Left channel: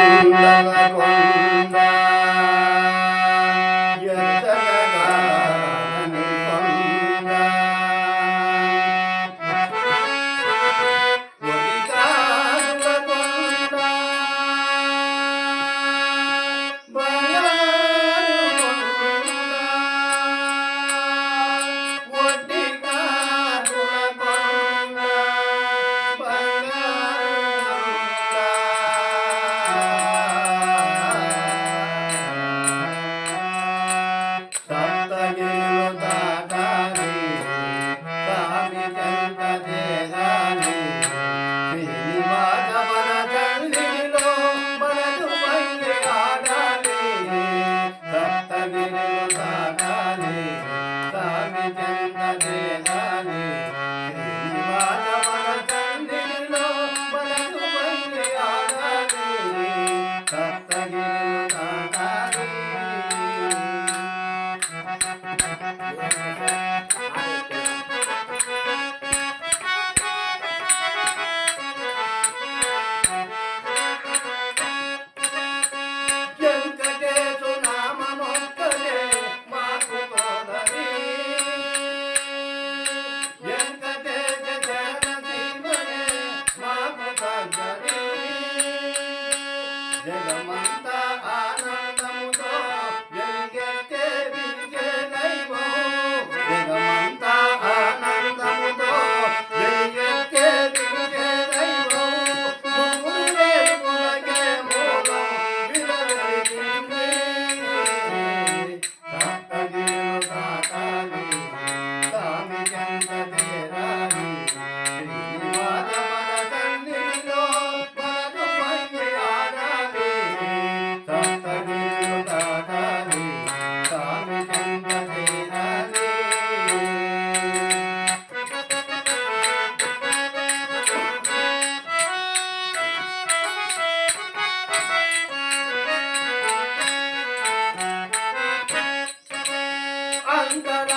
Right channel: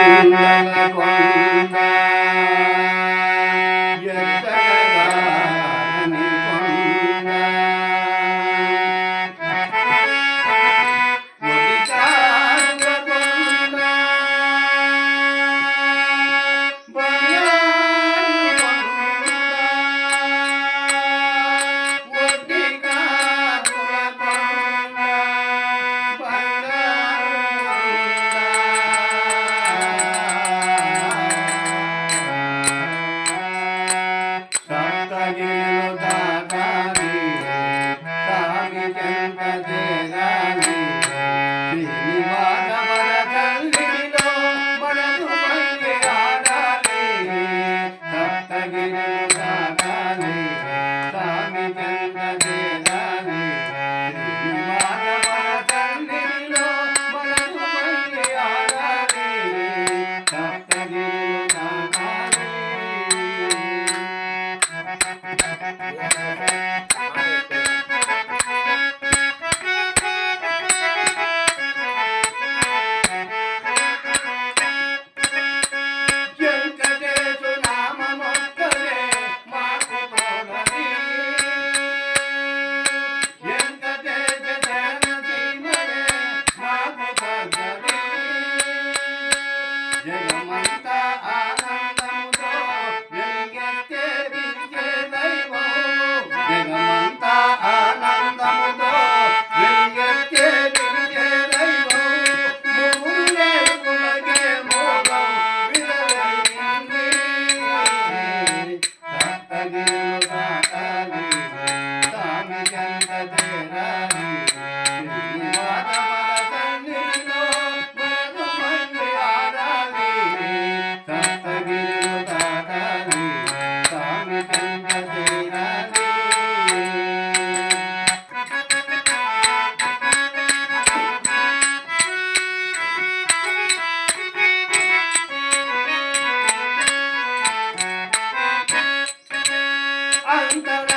కొండ ఎత్తగదానని కొండ ఒడికాల కొండ బంగారు కొండ ఒడికాల కొండ సప్తగిరిలో దాటాలి స్వామి చెంత చేరాలి శ్రీనివాస మన తల్లిలో మనసు మళ్ళీ ఆడాలి సప్తగిరిలో దాటాలి స్వామి చెంత చేరాలి శ్రీనివాస మన తల్లిలో మనసు మళ్ళీ ఆడాలి సప్తగిరిలో దాటాలి వెంకటేశు నామమొక్కడే మాకు తోడని వెంకటేశ శరణీమడే మాకు తగ్గని జగమంతా ఆనందముతో వెలిగెత్తే విజయ దైవం జగమంతా ఆనందముతో వెలిగెత్తే విజయ దైవం మూడు వేలుగులకే మూలం విలవెలిగింది సప్తగిరిలో దాటాలి స్వామి చెంత చేరాలి శ్రీనివాస మన తల్లిలో మనసు మళ్ళీ ఆడాలి సప్తగిరిలో దాటాలి స్వామి చెంత చేరాలి అంతర